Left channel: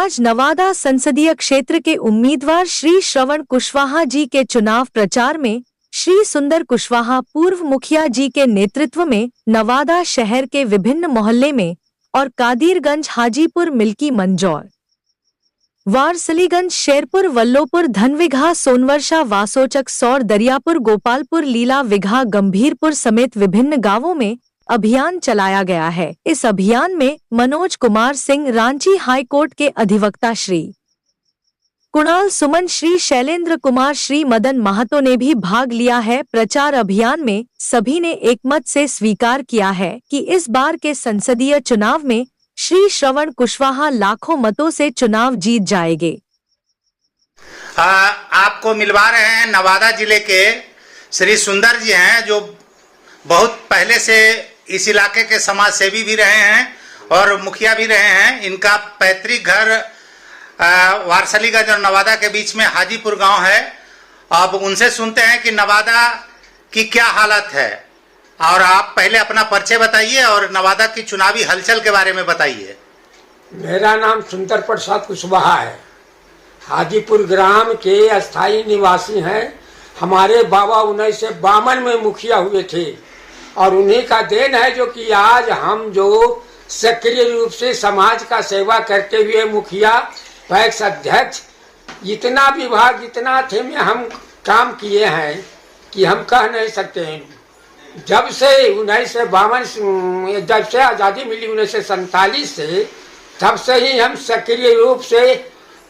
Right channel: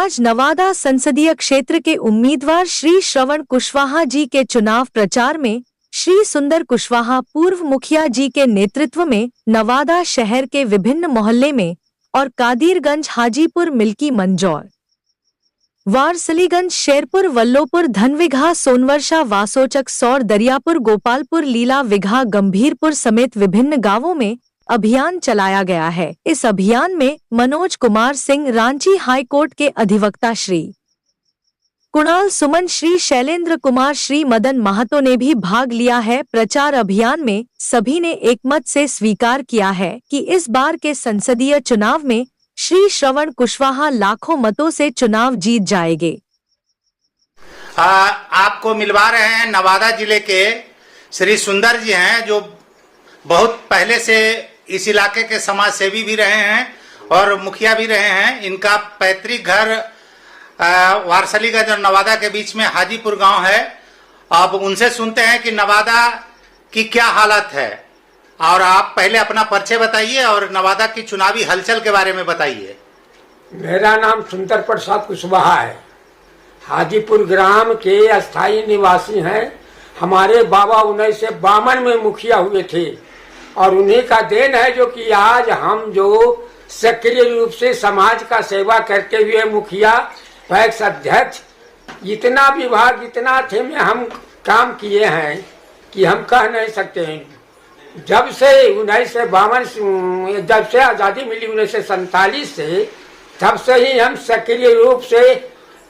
आज नवादा संसदीय क्षेत्र के उम्मीदवार श्री श्रवण कुशवाहा जी के चुनाव प्रचार में श्री सुंदर कुशवाहा पूर्व मुखिया जी के नेतृत्व में नवादा शहर के विभिन्न मोहल्ले में और कादिरगंज, हाजीपुर, मिल्की, मंजौर, वारसलीगंज, शेरपुर, वल्लोपुर, धनविघा, सोनवर्षा, वासोचक, सौर, दरियापुर, गोपालपुर, लीला, विघा, गंभीरपुर समेत विभिन्न गांवों में अभियान चलाया गया है। इस अभियान में मनोज कुमार सिंह, रांची हाई कोर्ट के अधिवक्ता श्री कुणाल सुमन, श्री शैलेंद्र कुमार, श्री मदन महतो ने भी भाग लिया है। प्रचार अभियान में सभी ने एकमत से स्वीकार किया है कि इस बार के संसदीय चुनाव में श्री श्रवण कुशवाहा लाखों मतों से चुनाव जीत जाएंगे। आपको मिलवा रहे हैं नवादा जिले के श्री सुंदर जी हैं, जो बहुत पहले से इस इलाके के समाज सेवी भी रहे हैं और मुखिया भी रहे हैं। इनका पैतृक घर वारसलीगंज और नवादा के बीच में हाजीपुर गांव है। अब उनसे सुनते हैं कि नवादा की क्या हालत है, और आप पहले अपना परिचय बताइए और नवादा की चुनावी हलचल के बारे में बताइए। मेरा नाम सुंदर प्रसाद कुशवाहा है, हाजीपुर ग्राम के अस्थायी निवासी हैं। हमारे बाबा 1952 में मुखिया हुए थे और उन्हीं का देन है जो कि आज हम जो सक्रिय रूप से समाज का सेवा करते हुए मुखिया, पैक्स अध्यक्ष, इतना विभाग, इतना थे में हम काम किए हैं कि हम कह नहीं सकते हैं। जब से 1952 जब से आज़ादी मिली 1947 से, तब से ही हम सक्रिय रूप से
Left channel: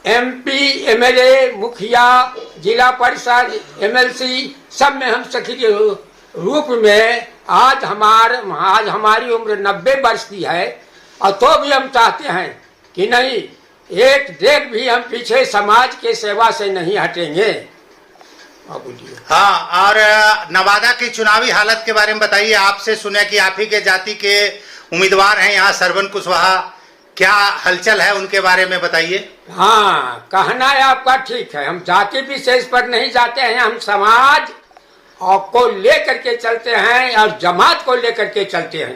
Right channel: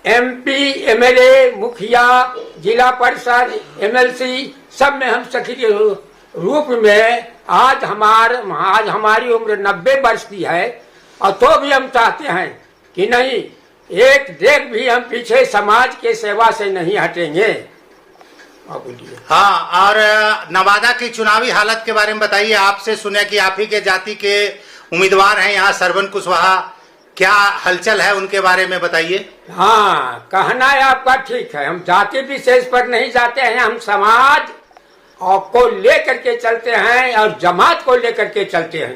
MP, MLA, मुखिया, जिला परिषद, MLC सब में हम सक्रिय रूप में आज हमारी उम्र 90 वर्ष की है, और तो भी हम चाहते हैं कि नहीं, एक देख भी हम पीछे समाज के सेवा से नहीं हटेंगे। हाँ, और नवादा की चुनावी हालत के बारे में बताइए। आपसे सुने कि आप ही के जाति के उम्मीदवार हैं यहाँ श्रवण कुशवाहा, क्या हलचल है उनके बारे में बताइए। हाँ, कहना है आपका ठीक है, हम जाति विशेष पर नहीं जाते हैं, हम समाज और को लेकर के चलते हैं और जमात को लेकर के चलते हैं।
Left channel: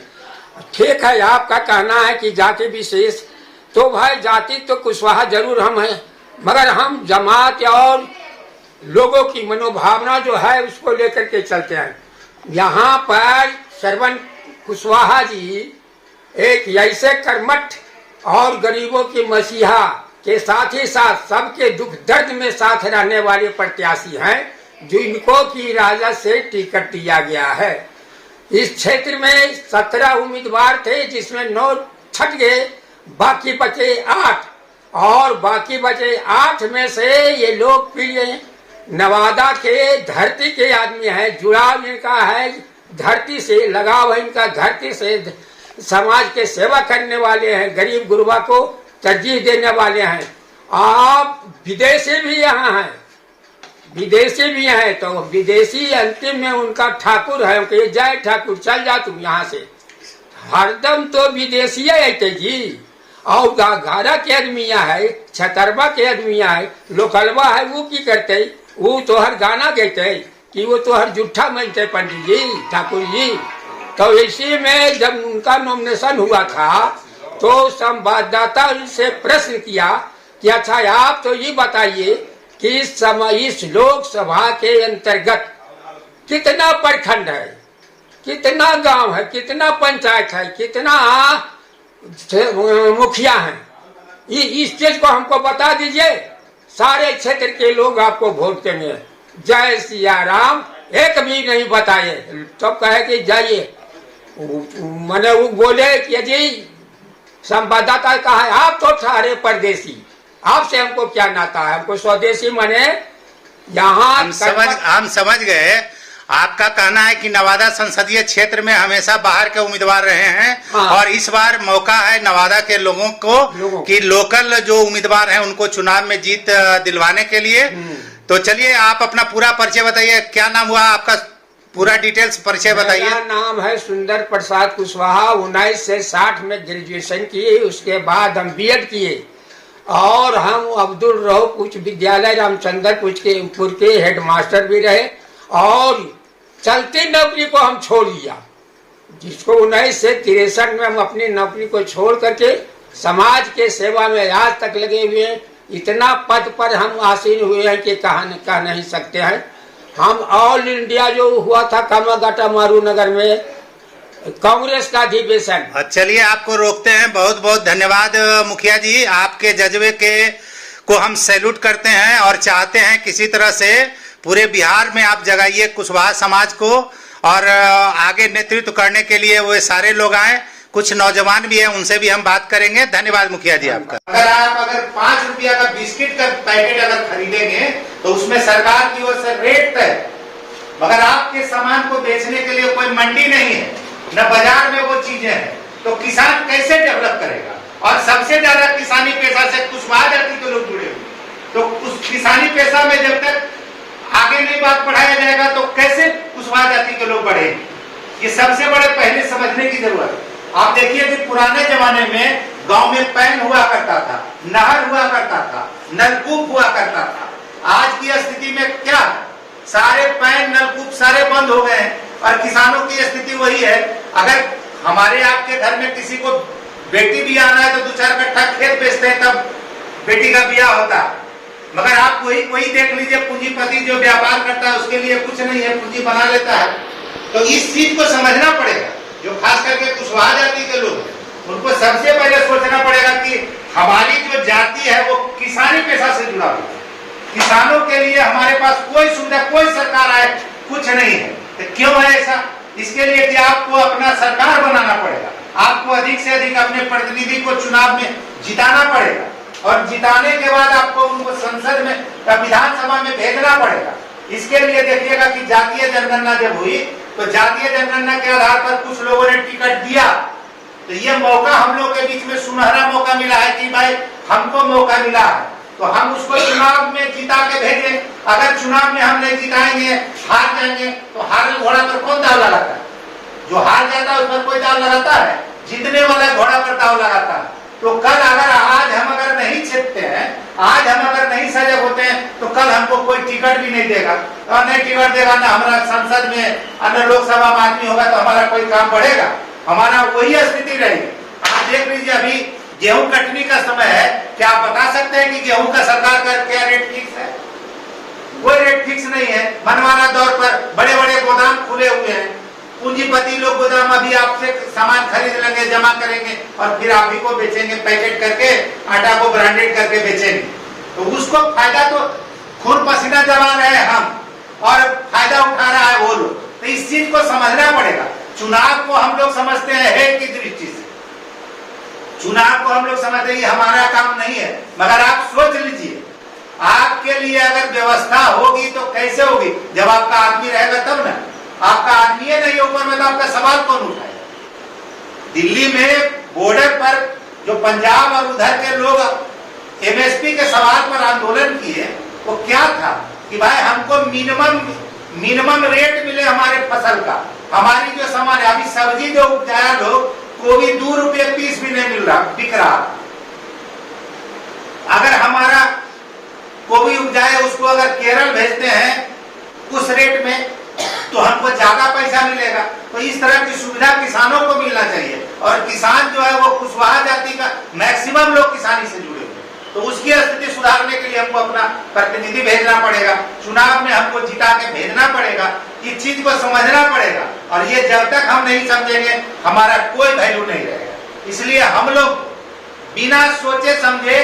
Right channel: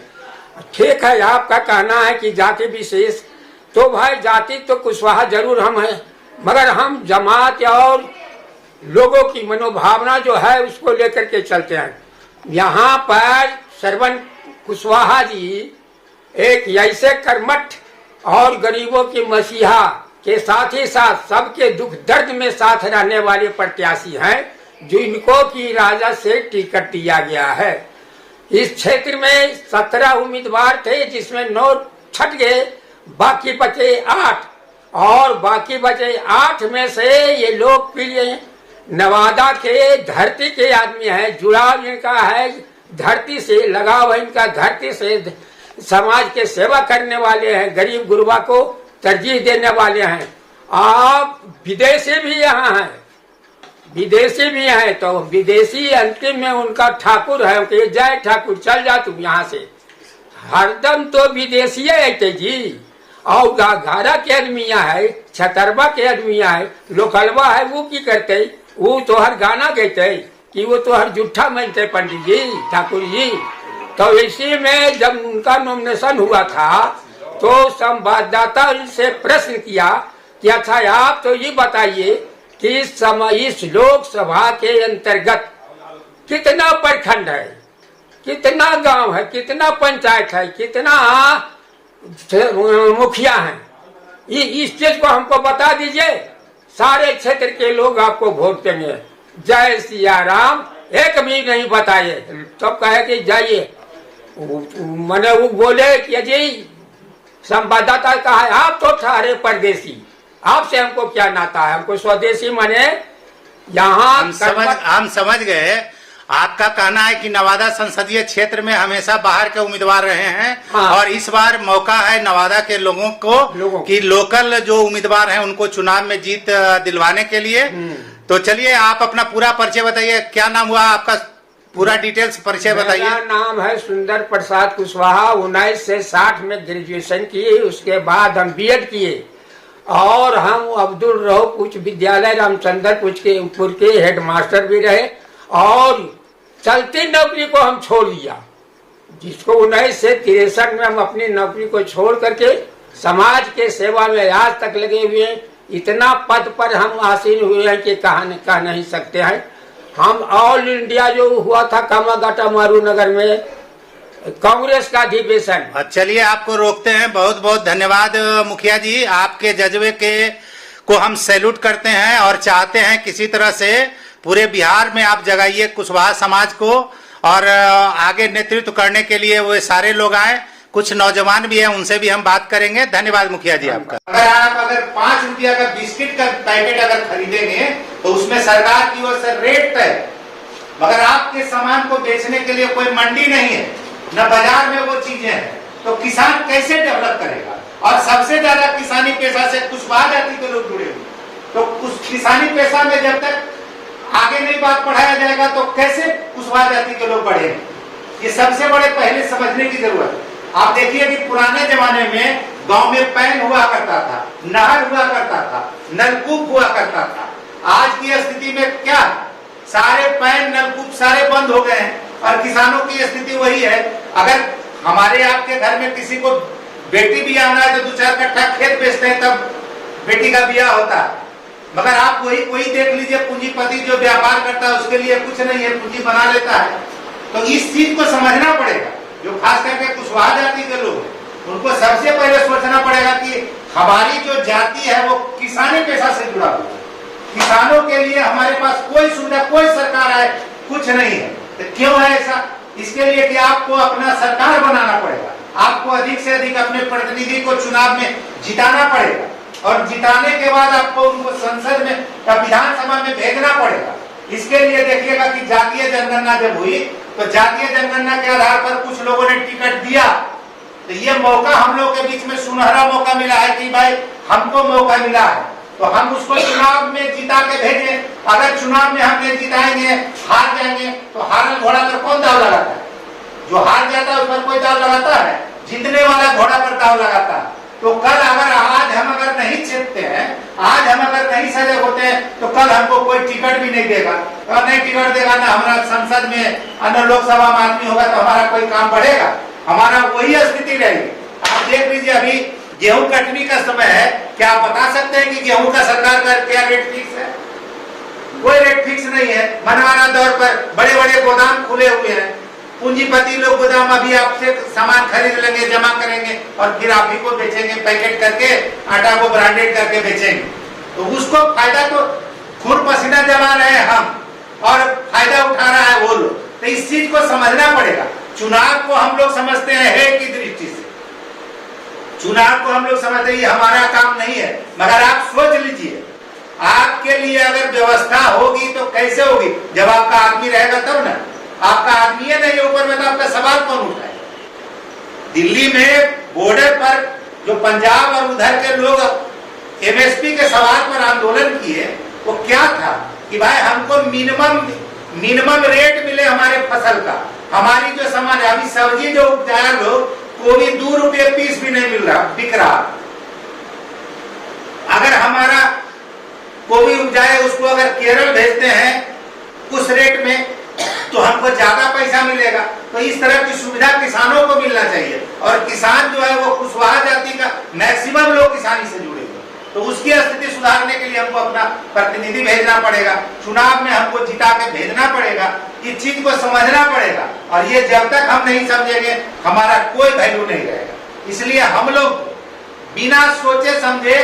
ठीक है, आपका कहना है कि जाति विशेष, तो भाई जाति तो कुशवाहा जरूर हम हैं, मगर हम जमात और लोगों की मनोभावना जो है उसको लेकर के चलते हैं। यहाँ पर श्रवण कुशवाहा जी एक ऐसे कर्मठ और गरीबों की मसीहा के साथ ही साथ सबके दुख दर्द में साथ रहने वाले प्रत्याशी हैं, जिनको की राजा से टिकट दिया गया है। इस क्षेत्र में 17 उम्मीदवार थे, जिसमें 9 छट गए, बाकी बचे 8, और बाकी बचे 8 में से ये लोग प्रिय नवादा के धरती के आदमी हैं। जुड़ाव इनका है धरती से, लगाव है इनका धरती से, समाज के सेवा करने वाले हैं, गरीब गुरबा को तरजीह देने वाले हैं। आप विदेशी भी यहाँ हैं, विदेशी भी हैं, तो विदेशी अंतिम में उनका ठाकुर है कि जय ठाकुर चल जा तुम यहाँ से, हरदम तो विदेशी आते जी। और घाघरा के आदमिया है, छतरबा के आदमिया है, लोकलवा है, वो की करते, वो तो हर गाना गाते कि वो तो हर जूठा मानते पंडित जी, ठाकुर जी। तो इसी में जब उनका नॉमिनेशन हुआ था तो संवाददाता से प्रश्न किया कि अच्छा आप तो ये बताइए कि इस लोकसभा के अंतर्गत कितना प्रखंड है, कितना गांव है, कितना पंचायत है, कितना मुखिया है, इस चीज को हमको बता दीजिए, सारे क्षेत्र के लोग आपको वोट देंगे। जय सिया राम एक भी नहीं बताए, तो कहे कि जाइए, मैंने वो बोले कि जी संवाददाता कहा है आप तो ठहरे परदेसी, आपसे हमको क्या नाता है, हमको स्वदेशी माने यहाँ। हम समझ गए। आपका कहना है कि नवादा संसदीय क्षेत्र में हमेशा बाहर के उम्मीदवार रहे हैं। हाँ। और इस बार मौका है नवादा के लोगों को कि लोकल जो उम्मीदवार हैं उनको चुनाव में जीत दिलवाने के लिए। तो चलिए आप अपना पूरा परिचय बताइए, क्या नाम हुआ आपका, पूरा डिटेल्स परिचय बताइए। मेरा नाम है सुंदर प्रसाद कुशवाहा, 1960 में ग्रेजुएशन किए, उसके बाद हम BEd किए और हम अब्दुल रऊफ उच्च विद्यालय रामचंद्रपुर के हेडमास्टर भी रहे, और चलती नौकरी को हम छोड़ दिया, जिसको 1963 में हम अपनी नौकरी को छोड़ करके समाज के सेवा में आज तक लगे हुए हैं। इतना पद पर हम आसीन हुए हैं कि कह नहीं सकते हैं। हम ऑल इंडिया जो हुआ था कामागाटा मारू नगर में कांग्रेस का अधिवेशन। चलिए आपको रोकते हैं। बहुत बहुत धन्यवाद मुखिया जी, आपके जज्बे के को हम सैल्यूट करते हैं और चाहते हैं किसी तरह से पूरे बिहार में आप जगाइए कुशवाहा समाज को और आगे नेतृत्व करने के लिए वो सारे लोग आए। कुछ नौजवान भी हैं, उनसे भी हम बात करेंगे। धन्यवाद मुखिया जी आपका। अगर 5 रुपया का बिस्किट का पैकेट अगर खरीदेंगे तो उसमें सरकार की ओर से रेट तय, मगर आपके सामान को बेचने के लिए कोई मंडी नहीं है, न बाजार में वो चीजें हैं, तो किसान कैसे डेवलप करेगा? और सबसे ज्यादा किसानी पेशा से कुशवाहा जाति के लोग जुड़े हुए, तो उस किसानी पेशा में जब तक आगे नहीं बात बढ़ाया जाएगा तो कैसे कुशवाहा जाति के लोग बढ़ेंगे? ये सबसे बड़े पहले समझने की जरूरत है। आप देखिए कि पुराने जमाने में गांव में पैन हुआ करता था, नहर हुआ करता था, नलकूप हुआ करता था। आज की स्थिति में क्या, सारे पैन नलकूप सारे बंद हो गए हैं और किसानों की स्थिति वही है। अगर हमारे आपके घर में किसी को बेटी भी आना है तो 2-4 कट्ठा खेत बेचते हैं तब बेटी का ब्याह होता है, मगर आप वही देख लीजिए पूंजीपति जो व्यापार करता है उसके लिए कुछ नहीं है, पूंजी बना लेता है। तो इस चीज को समझना पड़ेगा। जो खास करके कुशवाहा जाति के लोग हैं उनको सबसे पहले सोचना पड़ेगा कि हमारी जो जाति है वो किसानी पेशा से जुड़ा हुआ है। किसानों के लिए हमारे पास कोई सुविधा, कोई सरकार आए कुछ नहीं है। तो क्यों है ऐसा? इसके लिए कि आपको अपना सरकार बनाना पड़ेगा, आपको अधिक से अधिक अपने प्रतिनिधि को चुनाव में जिताना पड़ेगा और जिताने के बाद आपको उनको संसद में या विधानसभा में भेजना पड़ेगा। इसके लिए देखिएगा कि जातीय जनगणना जब हुई तो जातीय जनगणना के आधार पर कुछ लोगों ने टिकट दिया, तो ये मौका हम लोग के बीच में सुनहरा मौका मिला है कि भाई हमको मौका मिला है तो हम उसको चुनाव में जिता के भेजें। अगर चुनाव में हम नहीं जिताएंगे, हार जाएंगे, तो हारल घोड़ा पर कौन दाव लगाता है? जो हार जाता है उस पर कोई दाव लगाता है? जीतने वाला घोड़ा पर दाव लगाता है। तो कल आज हम अगर नहीं छेड़ते हैं, आज हम अगर नहीं सजग होते हैं तो कल हमको कोई टिकट भी नहीं देगा और नहीं टिकट देगा ना हमारा संसद में अन्य लोकसभा में आदमी होगा तो हमारा कोई काम बढ़ेगा, हमारा वही स्थिति रहेगी। आप देख लीजिए अभी गेहूं कटनी का समय है, क्या आप बता सकते हैं कि गेहूं का सरकार का क्या रेट फिक्स है? कोई रेट फिक्स नहीं है। मनमाना दौर पर बड़े बड़े गोदाम खुले हुए हैं, पूंजीपति लोग गोदाम अभी आपसे सामान खरीद लेंगे, जमा करेंगे और फिर आप ही को बेचेंगे, पैकेट करके आटा को ब्रांडेड करके बेचेंगे। तो उसको फायदा तो खून पसीना जमा रहे हैं हम और फायदा उठा रहा है वो लोग। तो इस चीज को समझना पड़ेगा। चुनाव को हम लोग समझते हैं हेय की दृष्टि से, चुनाव को हम लोग समझते हैं ये हमारा काम नहीं है, मगर आप सोच लीजिए आपके लिए अगर व्यवस्था होगी तो कैसे होगी? जब आपका आदमी रहेगा तब ना। आपका आदमी है नहीं ऊपर में तो आपका सवाल कौन उठाएगा? दिल्ली में बॉर्डर पर जो पंजाब और उधर के लोग एमएसपी के सवाल पर आंदोलन किए, वो क्या था कि भाई हमको मिनिमम रेट मिले हमारे फसल का। हमारी जो सामान है अभी सब्जी जो उपजाया लोग को भी 2 रुपये पीस भी नहीं मिल रहा, बिक रहा। अगर हमारा कोई उपजाए उसको अगर केरल भेजते हैं उस रेट में तो हमको ज्यादा पैसा मिलेगा। तो इस तरह की सुविधा किसानों को मिलना चाहिए और किसान जो है वो कुशवाहा जाति का मैक्सिमम लोग किसानी से जुड़े हुए, तो उसकी स्थिति सुधारने के लिए हमको अपना प्रतिनिधि भेजना पड़ेगा, चुनाव में हमको जिता के भेजना पड़ेगा। इस चीज को समझना पड़ेगा और ये जब तक हम नहीं समझेंगे हमारा कोई वैल्यू नहीं रहेगा। इसलिए हम लोग बिना सोचे समझे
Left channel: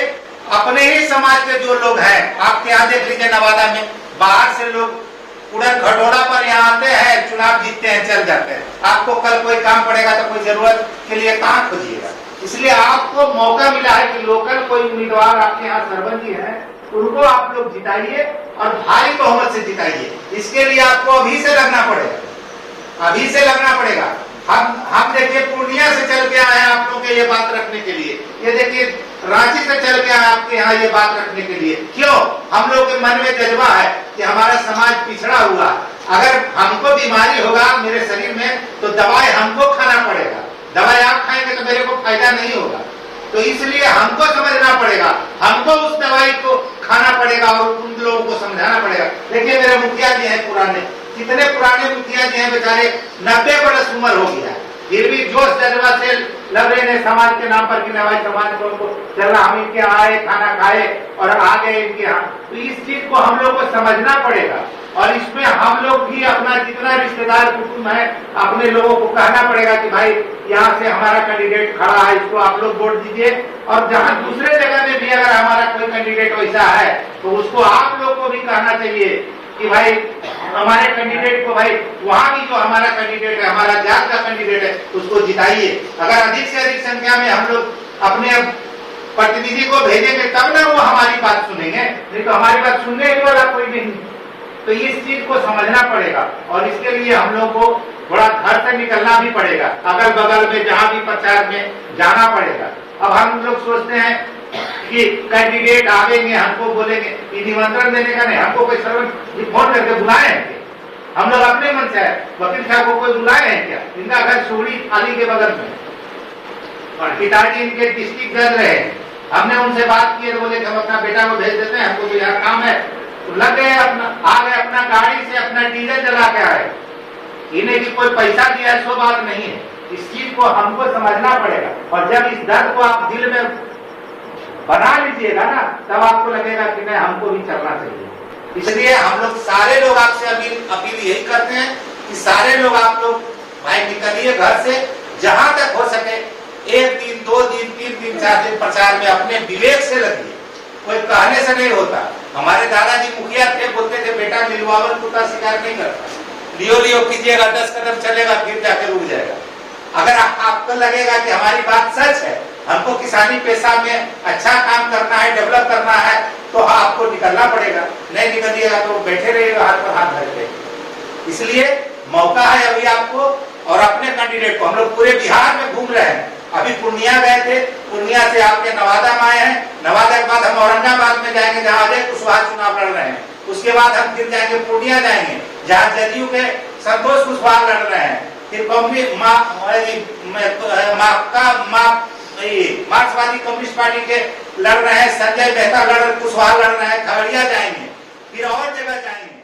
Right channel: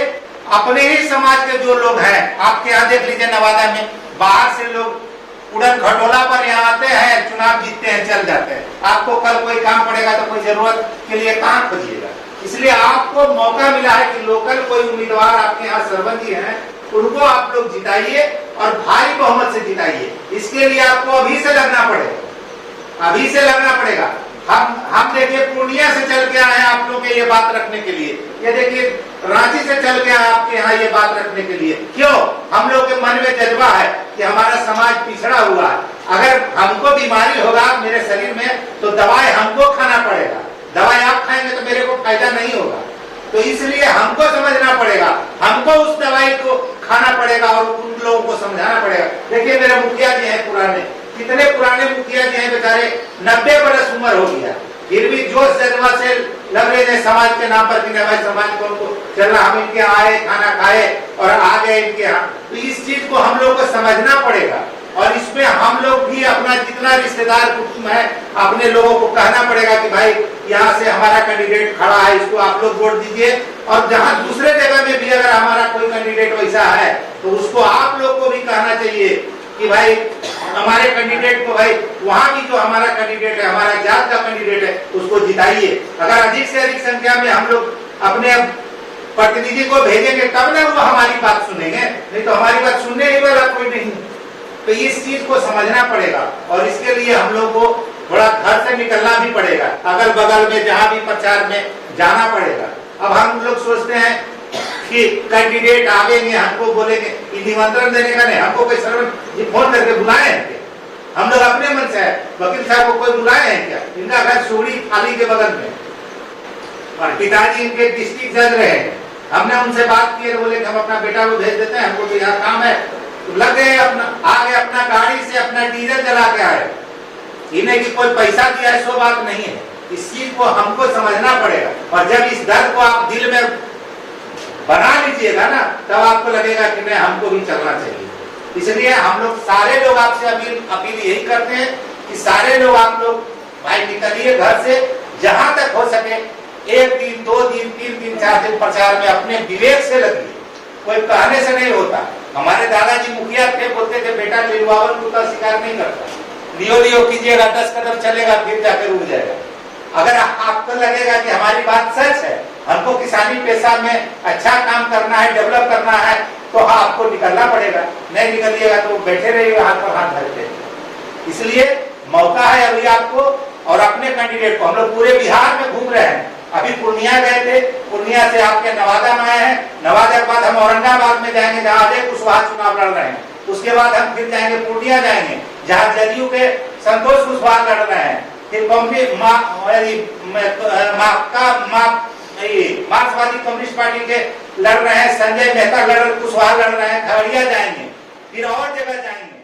अपने ही समाज के जो लोग हैं, आपके यहाँ देख लीजिए नवादा में बाहर से लोग उड़न खटोला पर यहाँ आते हैं, चुनाव जीतते हैं, चल जाते हैं। आपको कल कोई काम पड़ेगा तो कोई जरूरत के लिए कहाँ खोजिएगा? इसलिए आपको मौका मिला है कि लोकल कोई उम्मीदवार आपके यहाँ सरपंची हैं, उनको आप लोग जिताइए और भारी बहुमत से जिताइए। इसके लिए आपको अभी से लगना पड़ेगा, अभी से लगना पड़ेगा। हम देखिए पूर्णिया से चल के आए हैं आप लोगों के ये बात रखने के लिए, ये देखिए रांची से चल के आए आपके यहाँ ये बात रखने के लिए। क्यों? हम लोग के मन में जज्बा है कि हमारा समाज पिछड़ा हुआ है, अगर हमको बीमारी होगा मेरे शरीर में तो दवाई हमको खाना पड़ेगा, दवाई आप खाएंगे तो मेरे को फायदा नहीं होगा। तो इसलिए हमको समझना पड़ेगा, हमको उस दवाई को खाना पड़ेगा और उन लोगों को समझाना पड़ेगा। देखिए मेरे मुखिया जी हैं पुराने, कितने पुराने मुखिया जी हैं बेचारे, 90 बरस उम्र हो गया, फिर भी जोश जज्बा से लग रहे हैं समाज के नाम पर कि भाई समाज को उनको चलना, हम इनके आए खाना खाए और आ गए इनके यहाँ। तो इस चीज को हम लोग को समझना पड़ेगा और इसमें हम लोग भी अपना जितना रिश्तेदार कुटुंब है अपने लोगों को कहना पड़ेगा कि भाई यहाँ से हमारा कैंडिडेट खड़ा है, इसको आप लोग वोट दीजिए। और जहाँ दूसरे जगह में भी अगर हमारा कोई कैंडिडेट वैसा है तो उसको आप लोग को भी कहना चाहिए कि भाई हमारे कैंडिडेट को, भाई वहाँ भी जो हमारा कैंडिडेट है, हमारा जात का कैंडिडेट है, उसको जिताइए। अगर अधिक से अधिक संख्या में हम लोग अपने प्रतिनिधि को भेजेंगे तब ना वो हमारी बात सुनेंगे, नहीं तो हमारी बात सुनने ही वाला कोई नहीं। तो इस चीज को समझना पड़ेगा और इसके लिए हम लोग को थोड़ा घर से निकलना भी पड़ेगा, अगल बगल में जहाँ भी प्रचार में जाना पड़ेगा। अब हम लोग सोचते हैं कि कैंडिडेट आवेंगे हमको बोलेंगे, ये निमंत्रण देने का नहीं, हमको कोई सर्वेंट फोन करके बुलाए हैं क्या? हम लोग अपने मन से है, वकील साहब को कोई बुलाए हैं क्या? इनका घर सूड़ी थाली के बगल में और पिताजी इनके डिस्ट्रिक्ट जज रहे, हमने उनसे बात की तो बोले कि हम अपना बेटा को भेज देते हैं, हमको तो यहाँ काम है। तो लग गए अपना, आ गए अपना गाड़ी से अपना डीजल जला के आए, इन्हें की कोई पैसा दिया है सो बात नहीं है। इस चीज को हमको समझना पड़ेगा और जब इस डर को आप दिल में बना लीजिएगा ना तब आपको लगेगा कि नहीं हमको भी चलना चाहिए। इसलिए हम लोग सारे लोग आपसे अपील यही करते हैं कि सारे लोग आप लोग भाई निकलिए घर से, जहां तक हो सके 1 दिन 2 दिन 3 दिन 4 दिन प्रचार में अपने विवेक से लगिए, कोई कहने से नहीं होता। हमारे दादाजी मुखिया थे, बोलते थे बेटा नीलवावन कुत्ता शिकार नहीं करता, लियो लियो कीजिएगा 10 कदम चलेगा फिर जाके रुक जाएगा। अगर आपको लगेगा कि हमारी बात सच है, हमको किसानी पेशा में अच्छा काम करना है, डेवलप करना है, तो हाँ आपको निकलना पड़ेगा। नहीं निकलिएगा तो बैठे रहिएगा हाथ पर हाथ धर के। इसलिए मौका है अभी आपको और अपने कैंडिडेट को, हम लोग पूरे बिहार में घूम रहे हैं, अभी पूर्णिया गए थे, पूर्णिया से आपके नवादा में आए हैं, नवादा के बाद हम औरंगाबाद में जाएंगे जहाँ अजय कुशवाहा चुनाव लड़ रहे हैं, उसके बाद हम फिर जाएंगे पूर्णिया जाएंगे जहाँ जदयू के संतोष कुशवाहा लड़ रहे हैं, फिर मार्क्सवादी कम्युनिस्ट पार्टी के लड़ रहे हैं संजय मेहता कुशवाहा लड़ रहे हैं, खगड़िया जाएंगे, फिर और जगह जाएंगे।